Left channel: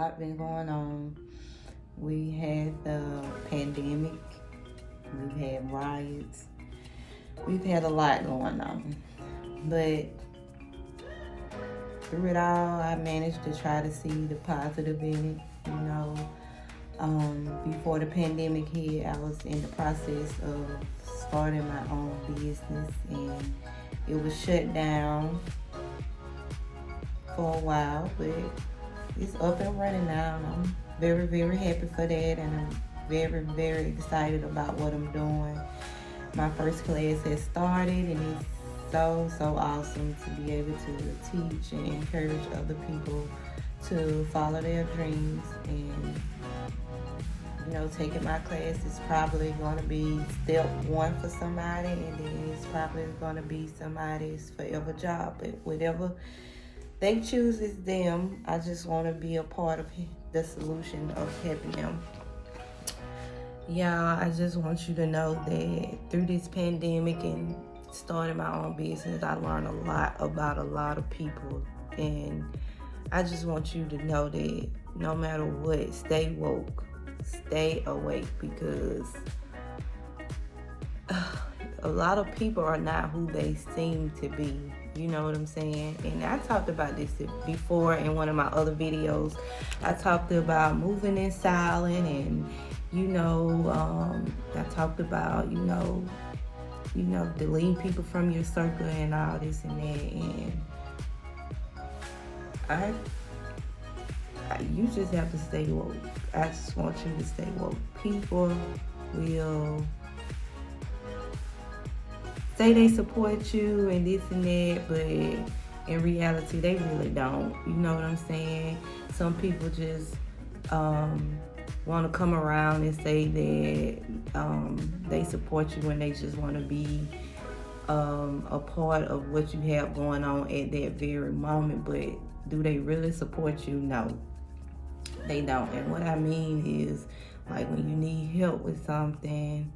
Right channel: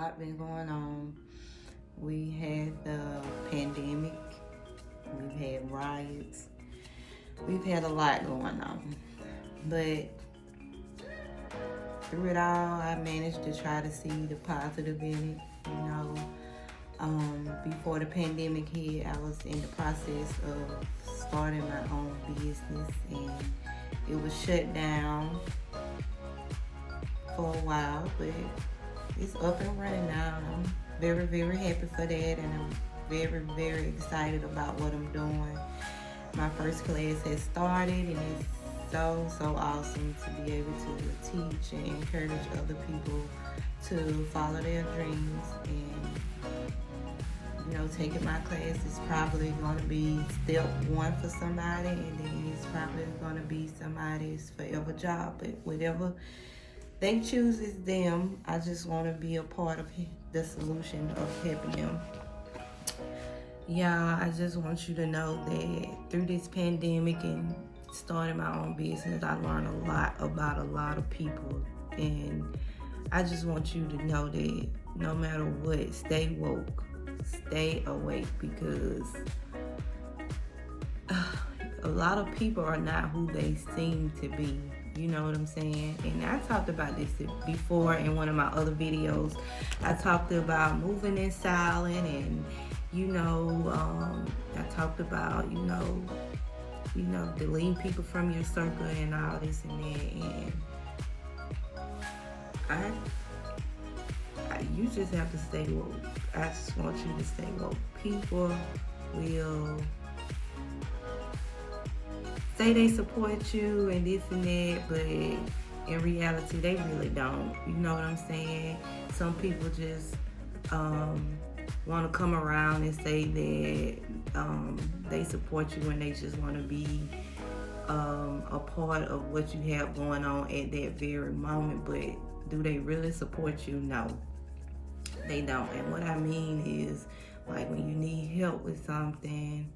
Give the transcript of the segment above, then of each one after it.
lot been going on. We had the pandemic. We've had riots. We've had a lot going on. But through it all, I managed to try to see the positive in it. Before the pandemic hit, I was in the process of starting my own business, and it was shut down for a while, but it's up and running now. I'm very, very happy for that, and I'm very, very excited about what I'm doing. My first class has started, and it's so awesome to be able to teach and encourage other people to follow their dreams. And taking my class is probably going to be step one for somebody, and then it's probably going to be somebody's forever job. But whatever they choose is them. I just want to be a part of the solution of helping them. Yeah, I just want you to know that through this pandemic and starting my own business, I learned a lot about a lot of people. And I just want you to know that no matter what, stay woke, stay awake, because a lot of people are not who they seem to be. You know what I'm saying? And I talked about this before in one of my other videos. I talked about moving in silent, and I talked about deleting people from your circle and all this and that. And you just have to stay woke. I just want you to stay woke. People will say they support you and this and that, but in reality, they really don't. You know what I'm saying? Some people just want to come around and say that they support you when they just want to be a part of what you have going on at that very moment. But do they really support you? No, they don't. And what I mean is, like, when you need help with something,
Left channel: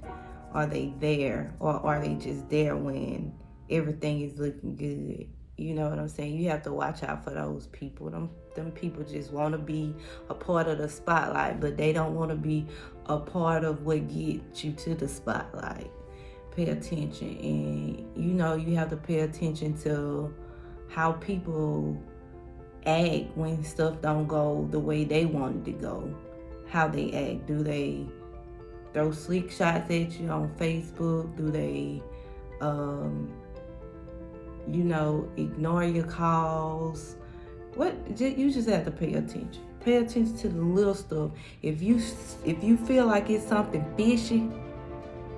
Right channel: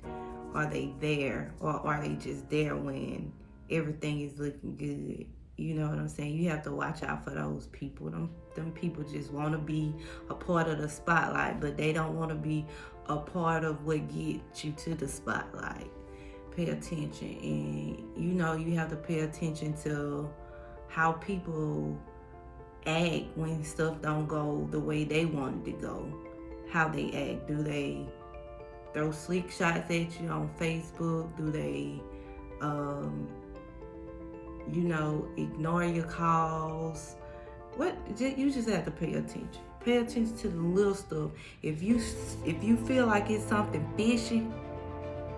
are they there, or are they just there when everything is looking good? You know what I'm saying? You have to watch out for those people. Them people just want to be a part of the spotlight, but they don't want to be a part of what gets you to the spotlight. Pay attention, and you have to pay attention to how people act when stuff don't go the way they want it to go. How they act. Do they throw slick shots at you on Facebook? Do they ignore your calls? You just have to pay attention. Pay attention to the little stuff. If you feel like it's something fishy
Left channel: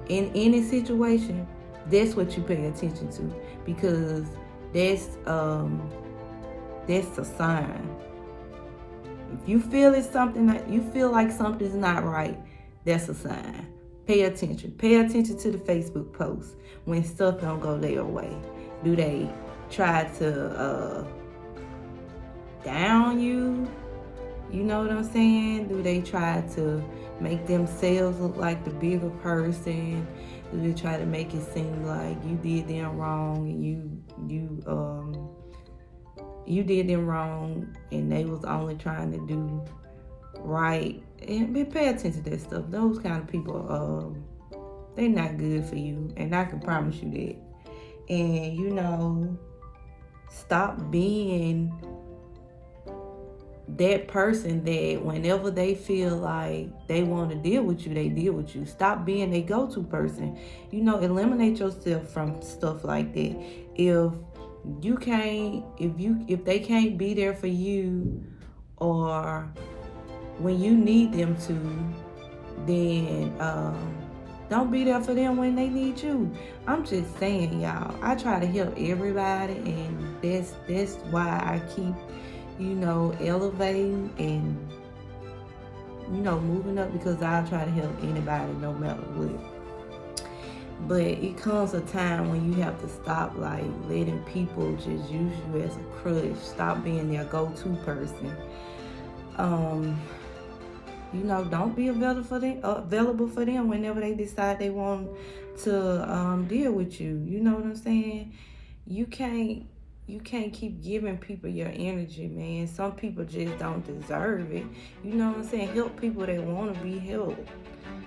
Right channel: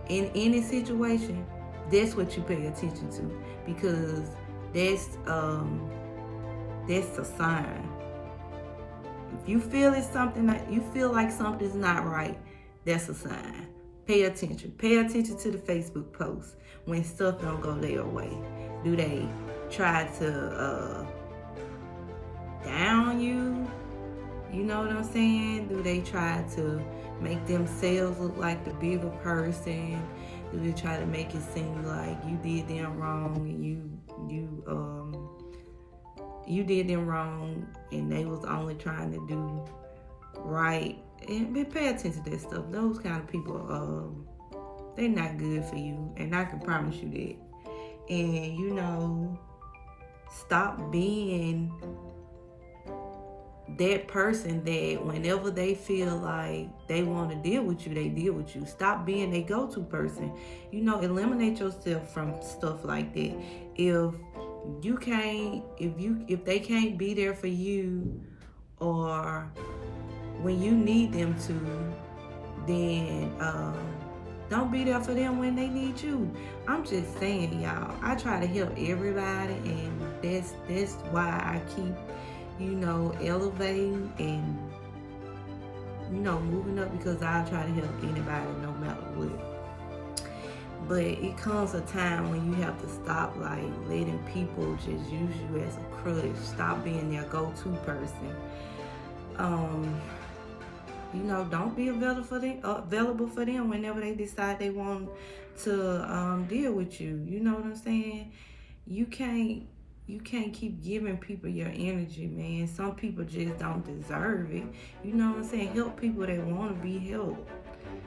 in any situation, that's what you pay attention to, because that's a sign. If you feel it's something that you feel like something's not right, that's a sign. Pay attention. Pay attention to the Facebook posts when stuff don't go their way. Do they try to down you? You know what I'm saying? Do they try to make themselves look like the bigger person? Do they try to make it seem like you did them wrong? You did them wrong, and they was only trying to do right. And pay attention to that stuff. Those kind of people, they're not good for you, and I can promise you that. And stop being that person that whenever they feel like they want to deal with you, they deal with you. Stop being a go-to person. Eliminate yourself from stuff like that. If they can't be there for you, or when you need them to, then don't be there for them when they need you. I'm just saying, y'all, I try to help everybody, and that's why I keep elevating and moving up, because I try to help anybody no matter what. But it comes a time when you have to stop letting people just use you as a crutch. Stop being their go-to person. Don't be available for them whenever they decide they want to deal with you. You know what I'm saying? You can't you can't keep giving people your energy, man. Some people just don't deserve it. You know what I'm saying? Help people that want to be helped.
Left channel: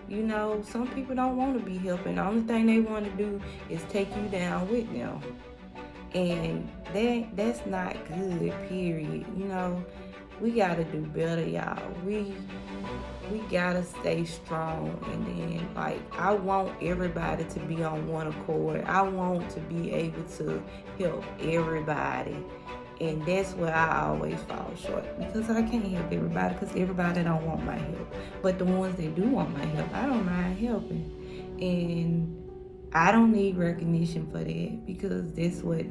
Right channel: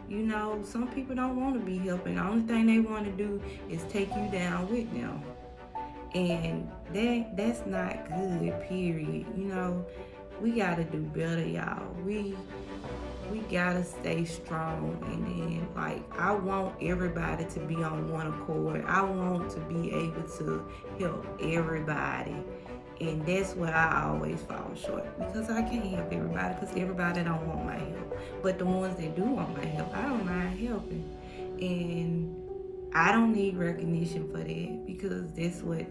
You know, some people don't want to be helped, and the only thing they want to do is take you down with them. And that's not good, period. You know, we gotta do better, y'all. We gotta stay strong, and then like I want everybody to be on one accord. I want to be able to help everybody, and that's where I always fall short, because I can't help everybody, because everybody don't want my help. But the ones that do want my help, I don't mind helping, and I don't need recognition for that, because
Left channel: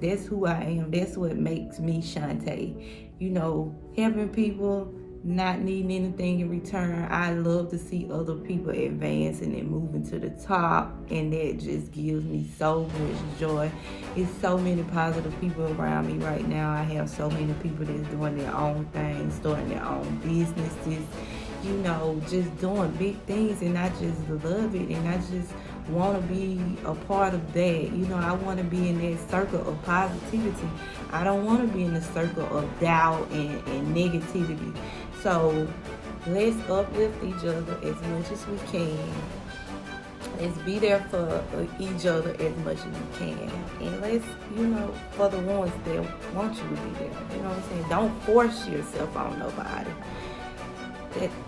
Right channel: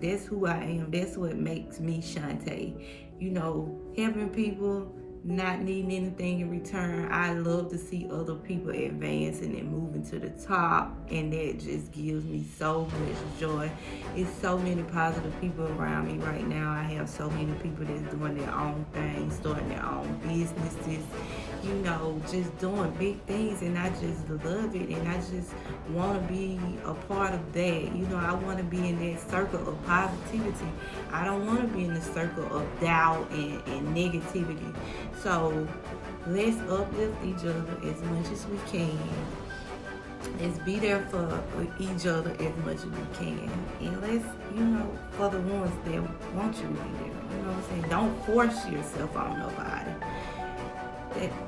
that's who I am. That's what makes me Shantae. You know, helping people, not needing anything in return. I love to see other people advancing and moving to the top, and that just gives me so much joy. There's so many positive people around me right now. I have so many people that's doing their own things, starting their own businesses, you know, just doing big things, and I just love it, and I just want to be a part of that. You know, I want to be in that circle of positivity. I don't want to be in the circle of doubt and negativity. So let's uplift each other as much as we can. Let's be there for each other as much as we can. And let's, you know, for the ones that want you to be there. You know what I'm saying? Don't force yourself on nobody.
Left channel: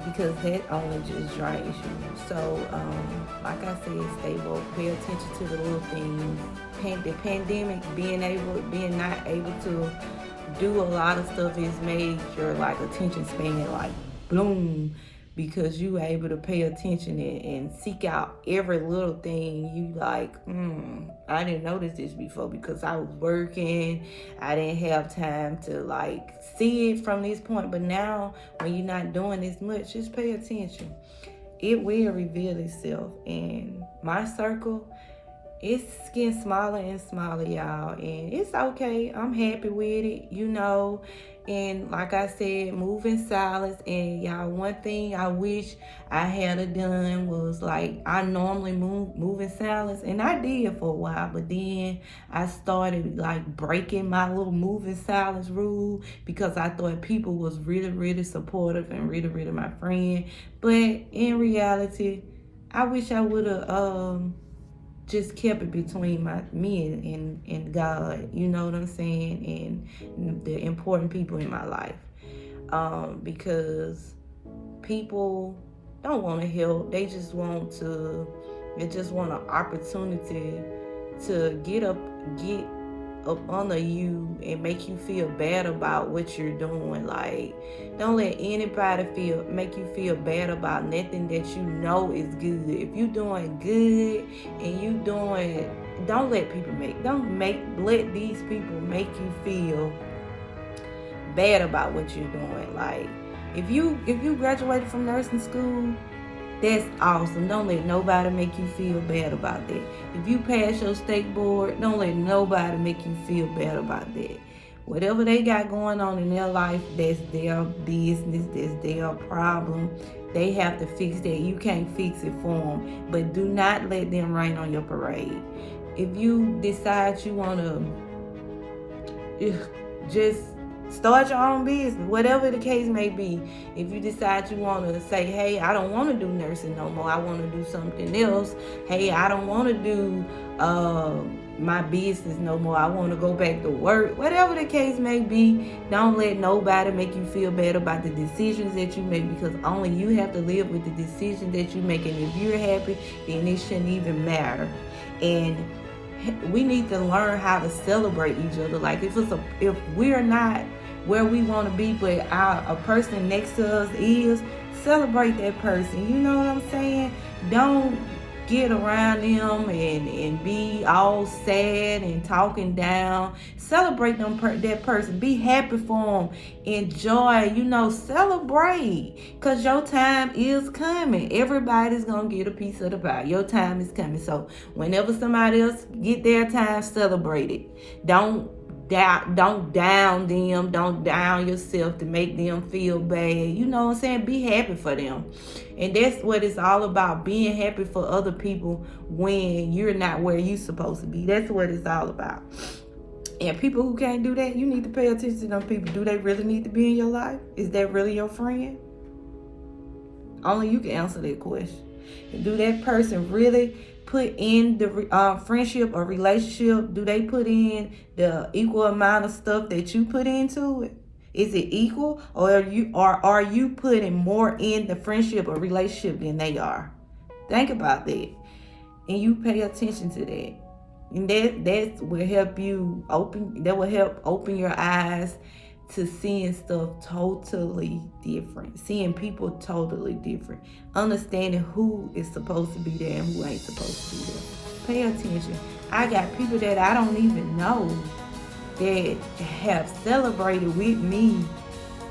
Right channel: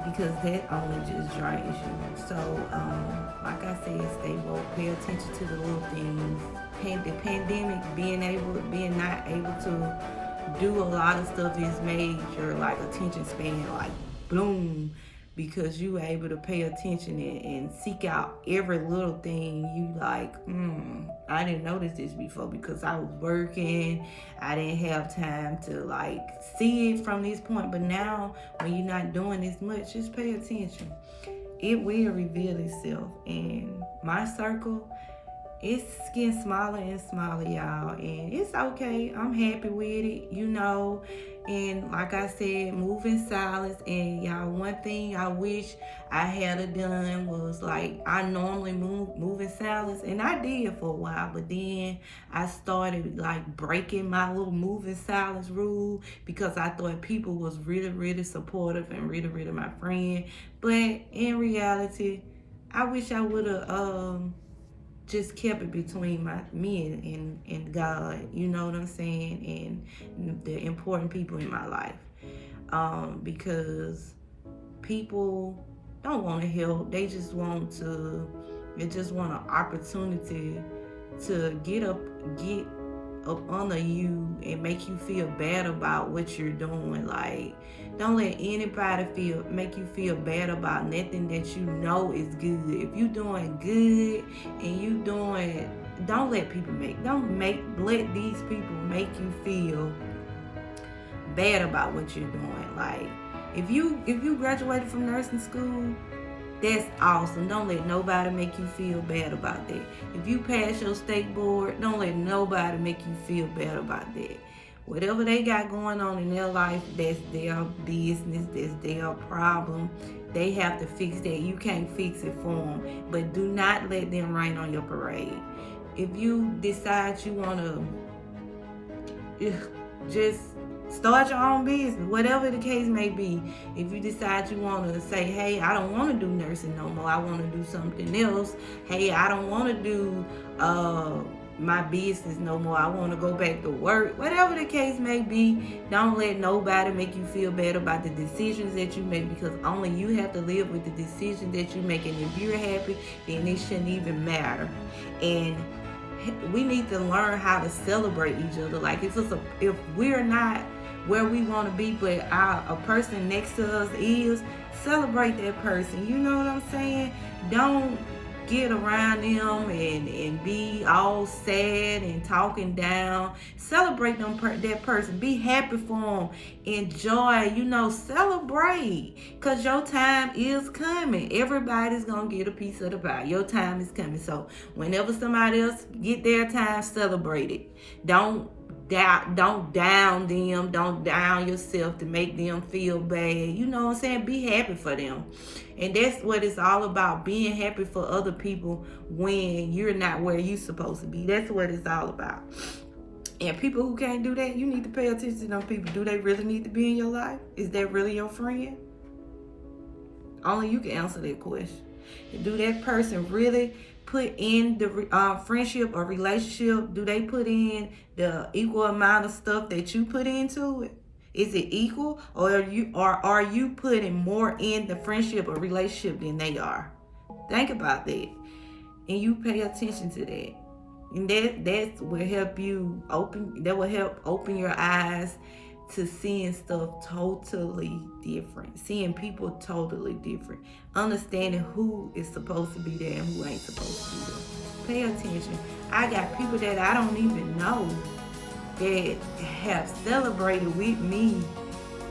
Because that only just drains you. So, like I said, stay woke, pay attention to the little things. The pandemic, being not able to do a lot of stuff has made your like attention span like bloom, because you able to pay attention and seek out every little thing. You like, I didn't notice this before because I was working. I didn't have time to like see it from this point. But now when you're not doing as much, just pay attention. It will reveal itself. And my circle, it's getting smaller and smaller, y'all, and it's okay. I'm happy with it, you know. And like I said, move in silence. And y'all, one thing I wish I had done was like, I normally move in silence, and I did for a while, but then I started like breaking my little move in silence rule, because I thought people was really, really supportive and really, really my friend. But in reality, I wish I would have just kept it between me and God, you know what I'm saying, and the important people in my life, because people don't want to help. They just want an opportunity to get up under you and make you feel bad about what you're doing. Like, don't let anybody make you feel bad about nothing that you know is good. If you're doing good and don't let let these people make you feel bad about what you're doing. Like, if you graduated from nursing school, that's awesome. Don't let nobody make you feel bad about that. If you pass your state board, don't let nobody make you feel bad about that. Whatever they got going on in their life, that's their business, that's their problem. They have to fix that. You can't fix it for them. But do not let them rain on your parade. If you decide you want to just start your own business, whatever the case may be. If you decide you want to say, hey, I don't want to do nursing no more, I want to do something else. Hey, I don't want to do my business no more, I want to go back to work. Whatever the case may be, don't let nobody make you feel bad about the decisions that you make, because only you have to live with the decisions that you make. And if you're happy, then it shouldn't even matter. And we need to learn how to celebrate each other. Like, if we're not where we want to be, but a person next to us is, celebrate that person. You know what I'm saying? Don't get around them and be all sad and talking down. Celebrate that person. Be happy for them. Enjoy, celebrate. Because your time is coming. Everybody's going to get a piece of the pie. Your time is coming. So whenever somebody else get their time, celebrate it. Don't down them. Don't down yourself to make them feel bad. You know what I'm saying? Be happy for them. And that's what it's all about, being happy for other people when you're not where you're supposed to be. That's what it's all about. And people who can't do that, you need to pay attention to them people. Do they really need to be in your life? Is that really your friend? Only you can answer that question. Do that person really put in the friendship or relationship? Do they put in the equal amount of stuff that you put into it? Is it equal, or are you putting more in the friendship or relationship than they are? Think about that, and you pay attention to that. And that will help you open. That will help open your eyes to seeing stuff totally different, seeing people totally different, understanding who is supposed to be there and who ain't supposed to be there. Pay attention. I got people that I don't even know that have celebrated with me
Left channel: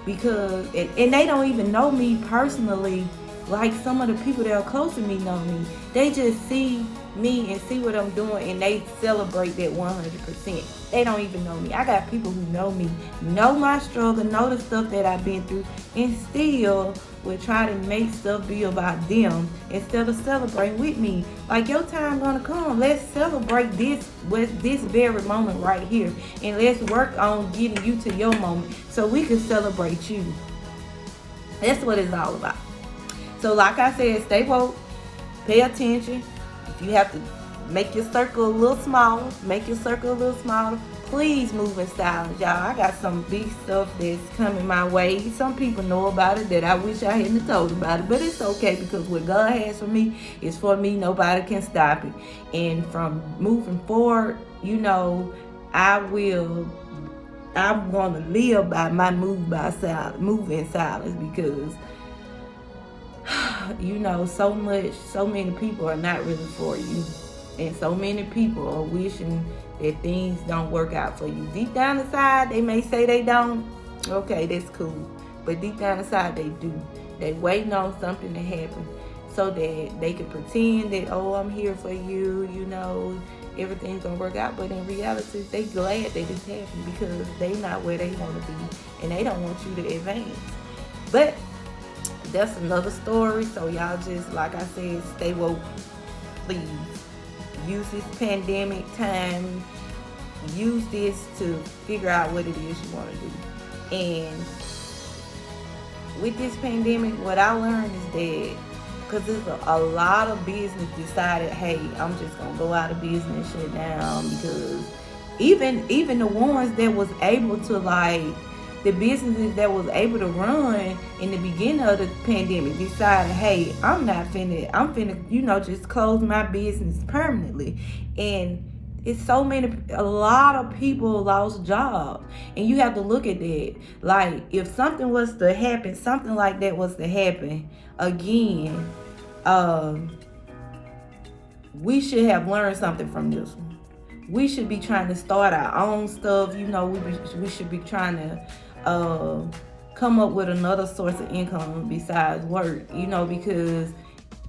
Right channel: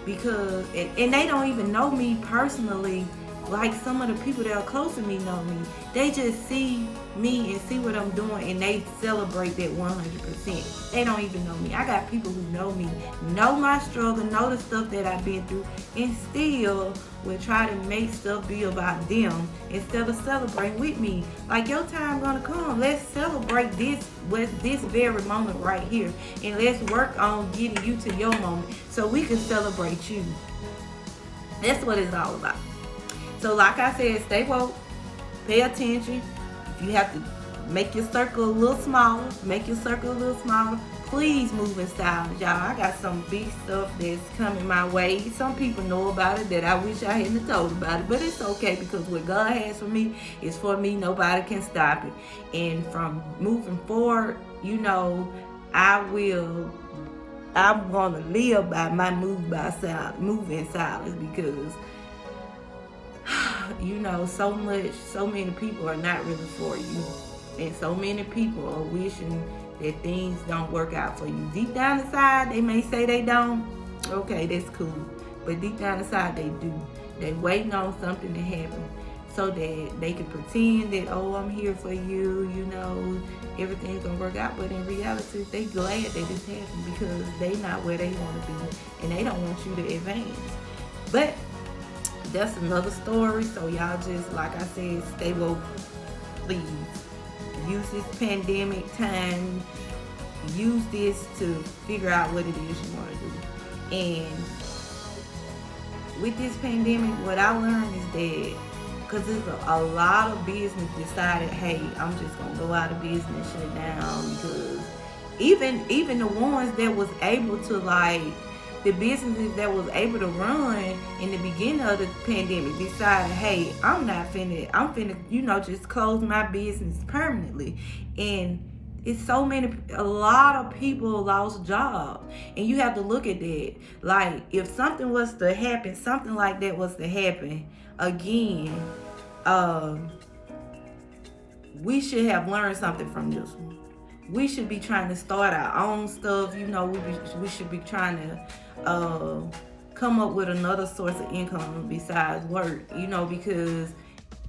because, and they don't even know me personally. Like some of the people that are close to me know me. They just see me and see what I'm doing and they celebrate that 100%. They don't even know me. I got people who know me, know my struggle, know the stuff that I've been through, and still will try to make stuff be about them instead of celebrating with me. Like, your time gonna come. Let's celebrate this with this very moment right here. And let's work on getting you to your moment so we can celebrate you. That's what it's all about. So like I said, stay woke, pay attention. If you have to make your circle a little smaller, Please move in silence, y'all. I got some big stuff that's coming my way. Some people know about it that I wish I hadn't told about it, but it's okay because what God has for me is for me. Nobody can stop it. And from moving forward, I'm gonna live by my move in silence because so many people are not really for you. And so many people are wishing that things don't work out for you. Deep down inside, they may say they don't. Okay, that's cool. But deep down inside, they do. They waiting on something to happen so that they can pretend that, oh, I'm here for you, everything's gonna work out. But in reality, they glad that it's happening because they not where they want to be. And they don't want you to advance. But that's another story. So y'all just, like I said, stay woke, please. Use this pandemic time. Use this to figure out what it is you want to do. And with this pandemic, what I learned is that, because there's a lot of business decided, hey, I'm just going to go out of business, shut down, because even the ones that was able to, the businesses that was able to run in the beginning of the pandemic decided, hey, I'm finna, just close my business permanently. And it's a lot of people lost jobs. And you have to look at that. Like, if something was to happen, something like that was to happen again, we should have learned something from this one. We should be trying to start our own stuff. We should be trying to come up with another source of income besides work, because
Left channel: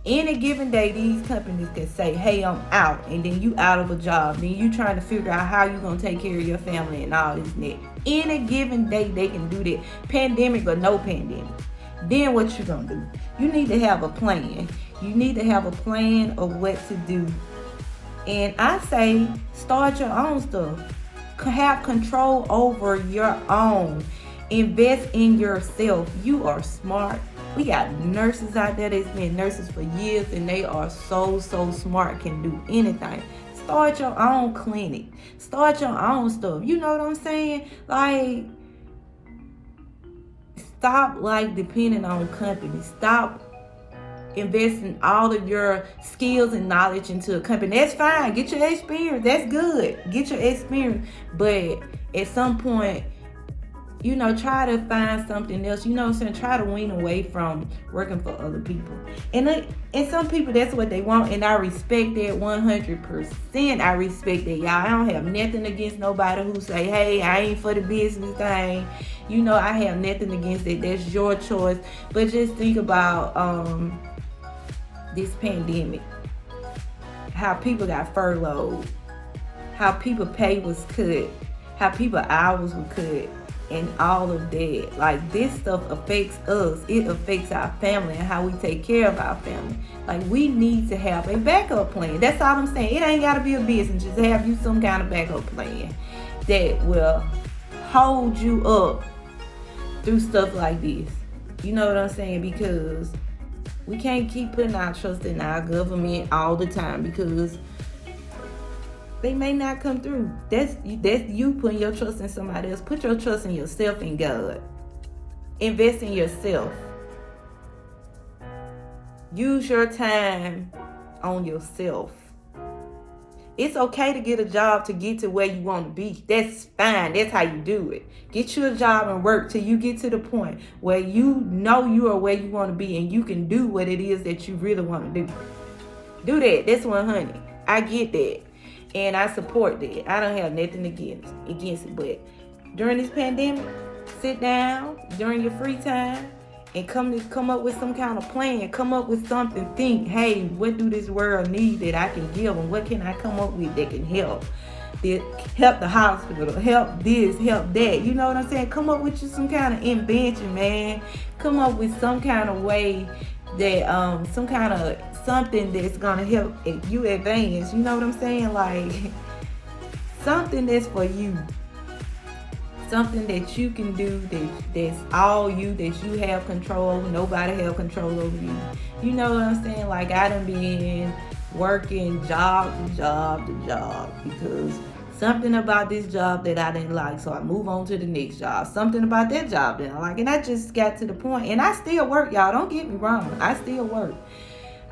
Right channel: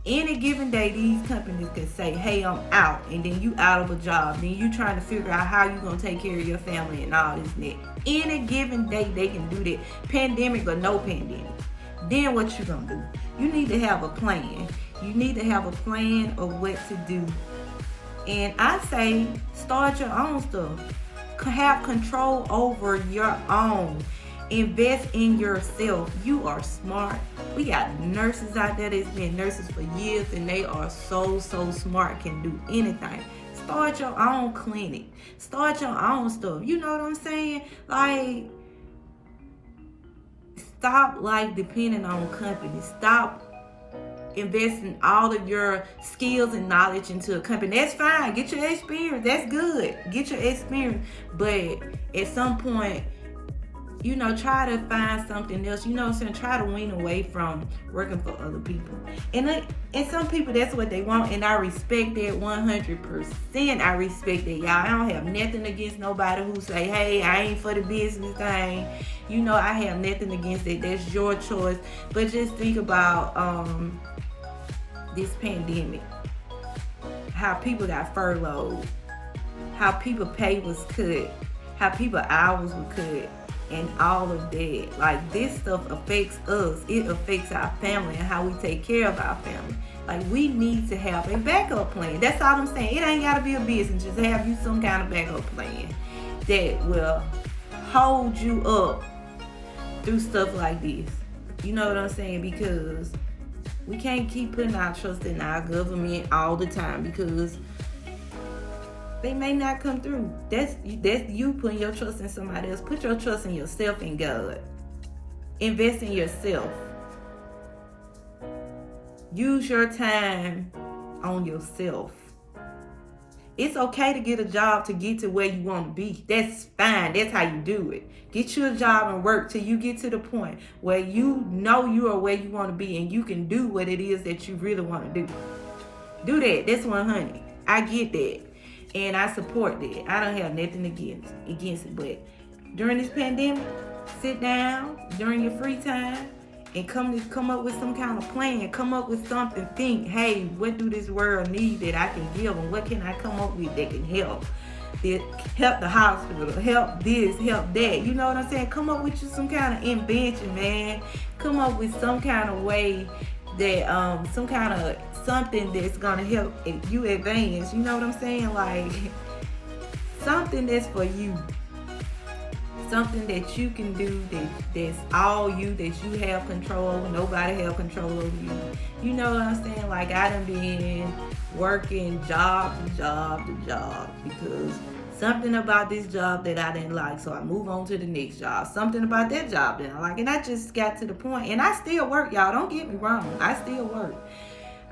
any given day, these companies can say, hey, I'm out, and then you out of a job. Then you trying to figure out how you going to take care of your family and all this and that. Any given day, they can do that. Pandemic or no pandemic. Then what you going to do? You need to have a plan. You need to have a plan of what to do. And I say, start your own stuff. Have control over your own. Invest in yourself. You are smart. We got nurses out there that's been nurses for years and they are so smart, can do anything. Start your own clinic. Start your own stuff. You know what I'm saying? Stop depending on companies. Stop investing all of your skills and knowledge into a company. That's fine. Get your experience. That's good. Get your experience. But at some point, try to find something else. Try to wean away from working for other people. And some people, that's what they want. And I respect that 100%. I respect that, y'all. I don't have nothing against nobody who say, hey, I ain't for the business thing. I have nothing against it. That's your choice. But just think about this pandemic. How people got furloughed. How people pay was cut. How people hours were cut. And all of that. This stuff affects us. It affects our family and how we take care of our family. We need to have a backup plan. That's all I'm saying. It ain't got to be a business. Just have you some kind of backup plan. that will hold you up through stuff like this. You know what I'm saying? Because we can't keep putting our trust in our government all the time, because they may not come through. That's you putting your trust in somebody else. Put your trust in yourself and God. Invest in yourself. Use your time on yourself. It's okay to get a job to get to where you want to be. That's fine. That's how you do it. Get you a job and work till you get to the point where you know you are where you want to be and you can do what it is that you really want to do. Do that. That's 100. I get that. And I support that. I don't have nothing against it. But during this pandemic, sit down during your free time and come up with some kind of plan. Come up with something. Think, hey, what do this world need that I can give them? What can I come up with that can help? Help the hospital, help this, help that. You know what I'm saying? Come up with you some kind of invention, man. Come up with some kind of way that, some kind of something that's gonna help you advance. You know what I'm saying? Like something that's for you. Something that you can do that's all you, that you have control, nobody have control over you. You know what I'm saying? Like I done been working job to job to job because something about this job that I didn't like, so I move on to the next job. Something about that job that I like, and I just got to the point, and I still work, y'all. Don't get me wrong, I still work.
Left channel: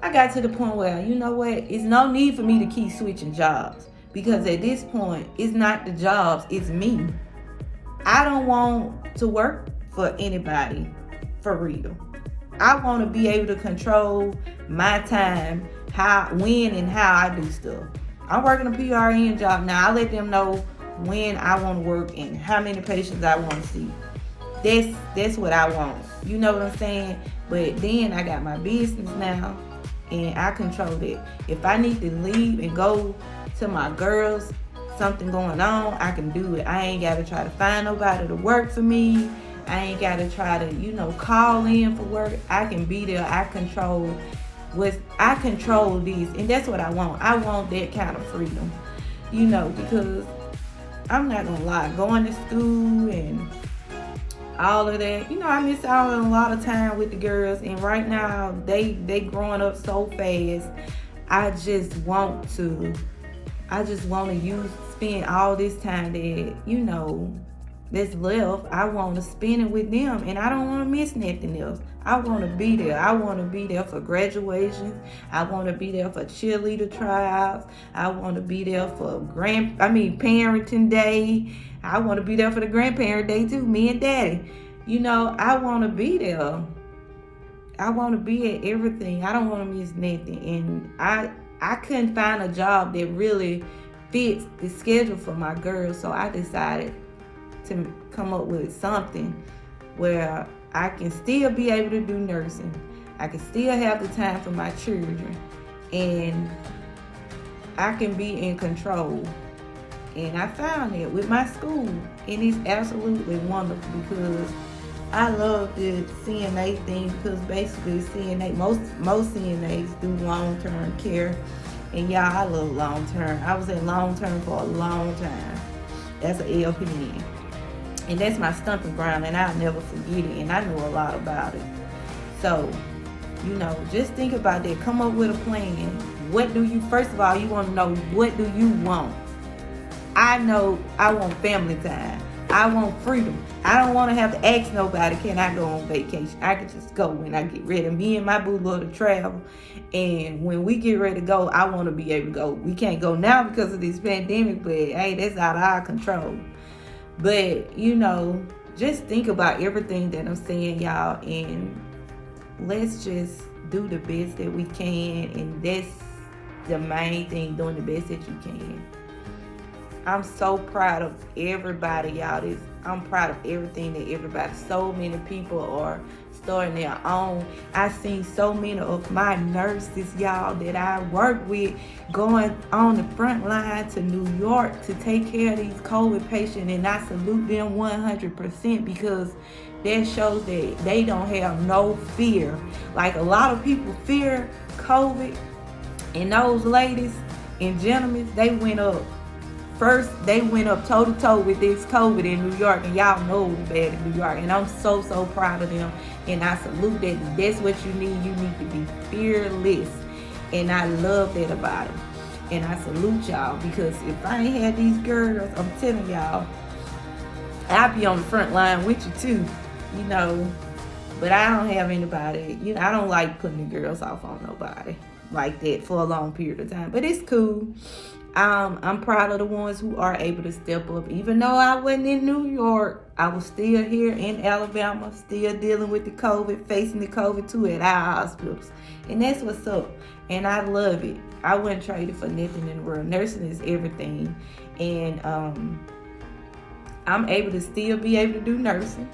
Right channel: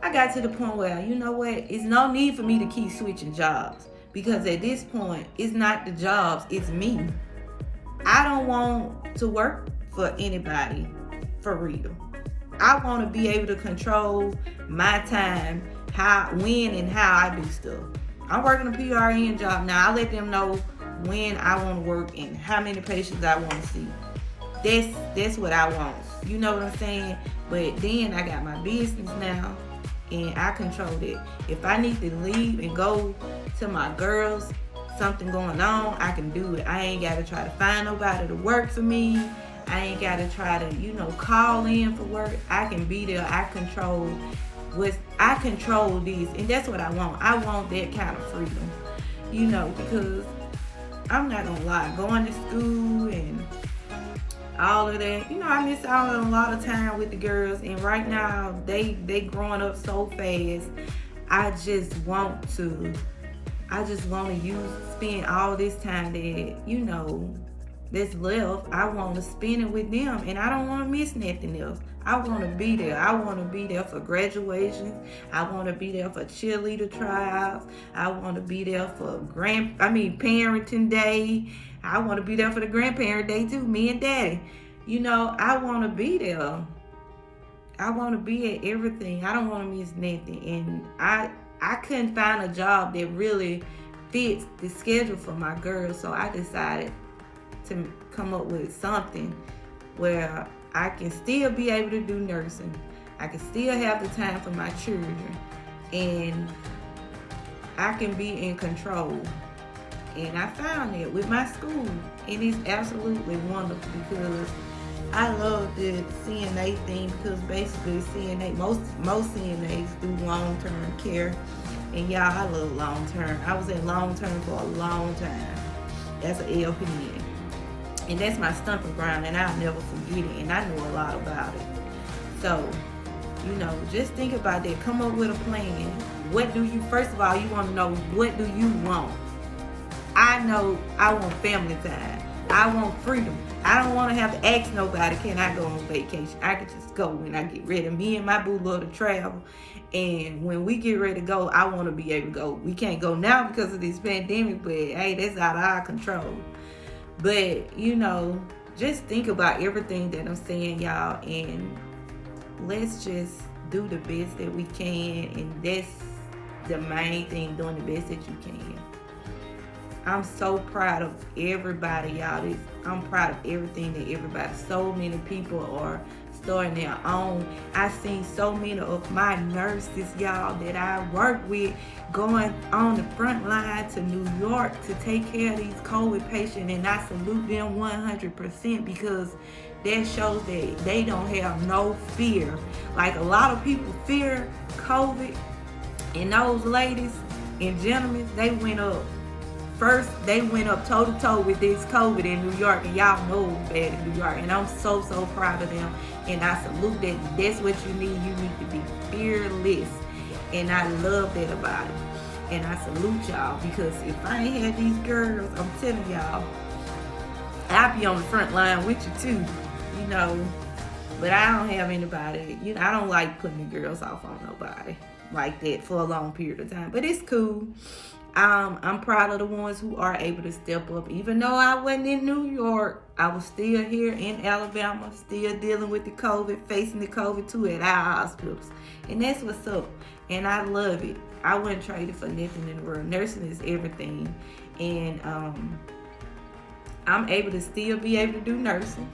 I got to the point where, you know what, it's no need for me to keep switching jobs, because at this point, it's not the jobs, it's me. I don't want to work for anybody, for real. I want to be able to control my time, when and how I do stuff. I'm working a PRN job now. I let them know when I want to work and how many patients I want to see. That's what I want. You know what I'm saying? But then I got my business now, and I control it. If I need to leave and go to my girls, something going on, I can do it. I ain't got to try to find nobody to work for me. I ain't got to try to, call in for work. I can be there. I control this, and that's what I want. I want that kind of freedom, because I'm not gonna lie, going to school and all of that, I miss out on a lot of time with the girls, and right now they growing up so fast. I just want to spend all this time that's left. I want to spend it with them, and I don't want to miss nothing else. I want to be there. I want to be there for graduation. I want to be there for cheerleader tryouts. I want to be there for parenting day. I want to be there for the grandparent day too, me and daddy. I want to be there. I want to be at everything. I don't want to miss nothing. And I couldn't find a job that really fits the schedule for my girls, so I decided to come up with something where I can still be able to do nursing. I can still have the time for my children, and I can be in control. And I found it with my school, and it's absolutely wonderful because I love the CNA thing, because basically most CNAs do long-term care, and y'all, I love long-term. I was at long-term for a long time. That's an LPN. And that's my stomping ground, and I'll never forget it, and I know a lot about it. So, just think about that. Come up with a plan. First of all, you want to know, what do you want? I know I want family time. I want freedom. I don't want to have to ask nobody, can I go on vacation? I can just go when I get ready. Me and my boo love to travel. And when we get ready to go, I want to be able to go. We can't go now because of this pandemic, but hey, that's out of our control. But, just think about everything that I'm saying, y'all, and let's just do the best that we can, and that's the main thing, doing the best that you can. I'm so proud of everybody, y'all. I'm proud of everything that everybody, so many people are starting their own. I've seen so many of my nurses, y'all, that I work with going on the front line to New York to take care of these COVID patients, and I salute them 100% because that shows that they don't have no fear. Like, a lot of people fear COVID, and those ladies and gentlemen, they went up first they went up toe to toe with this COVID in New York, and y'all know it was bad in New York. And I'm so proud of them, and I salute them. That's what you need. You need to be fearless, and I love that about them. And I salute y'all, because if I ain't had these girls, I'm telling y'all, I'd be on the front line with you too, you know. But I don't have anybody, you know, I don't like putting the girls off on nobody like that for a long period of time. But it's cool. I'm proud of the ones who are able to step up. Even though I wasn't in New York, I was still here in Alabama, still dealing with the COVID, facing the COVID too at our hospitals. And that's what's up. And I love it. I wouldn't trade it for nothing in the world. Nursing is everything. And I'm able to still be able to do nursing,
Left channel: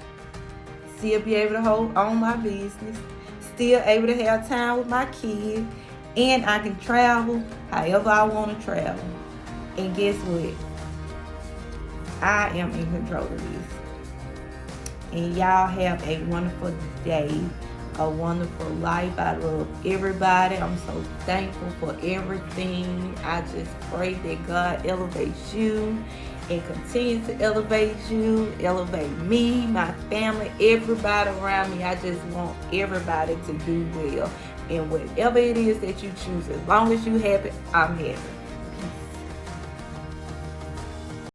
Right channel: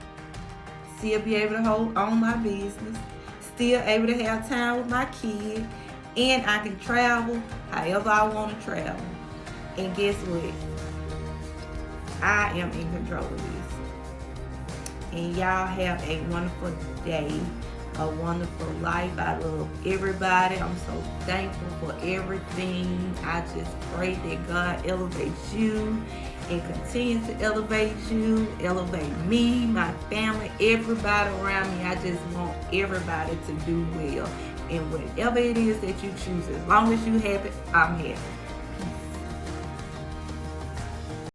still be able to own my business, still able to have time with my kids, and I can travel however I want to travel. And guess what? I am in control of this. And y'all have a wonderful day, a wonderful life. I love everybody. I'm so thankful for everything. I just pray that God elevates you and continue to elevate you, elevate me, my family, everybody around me. I just want everybody to do well. And whatever it is that you choose, as long as you have it, I'm happy.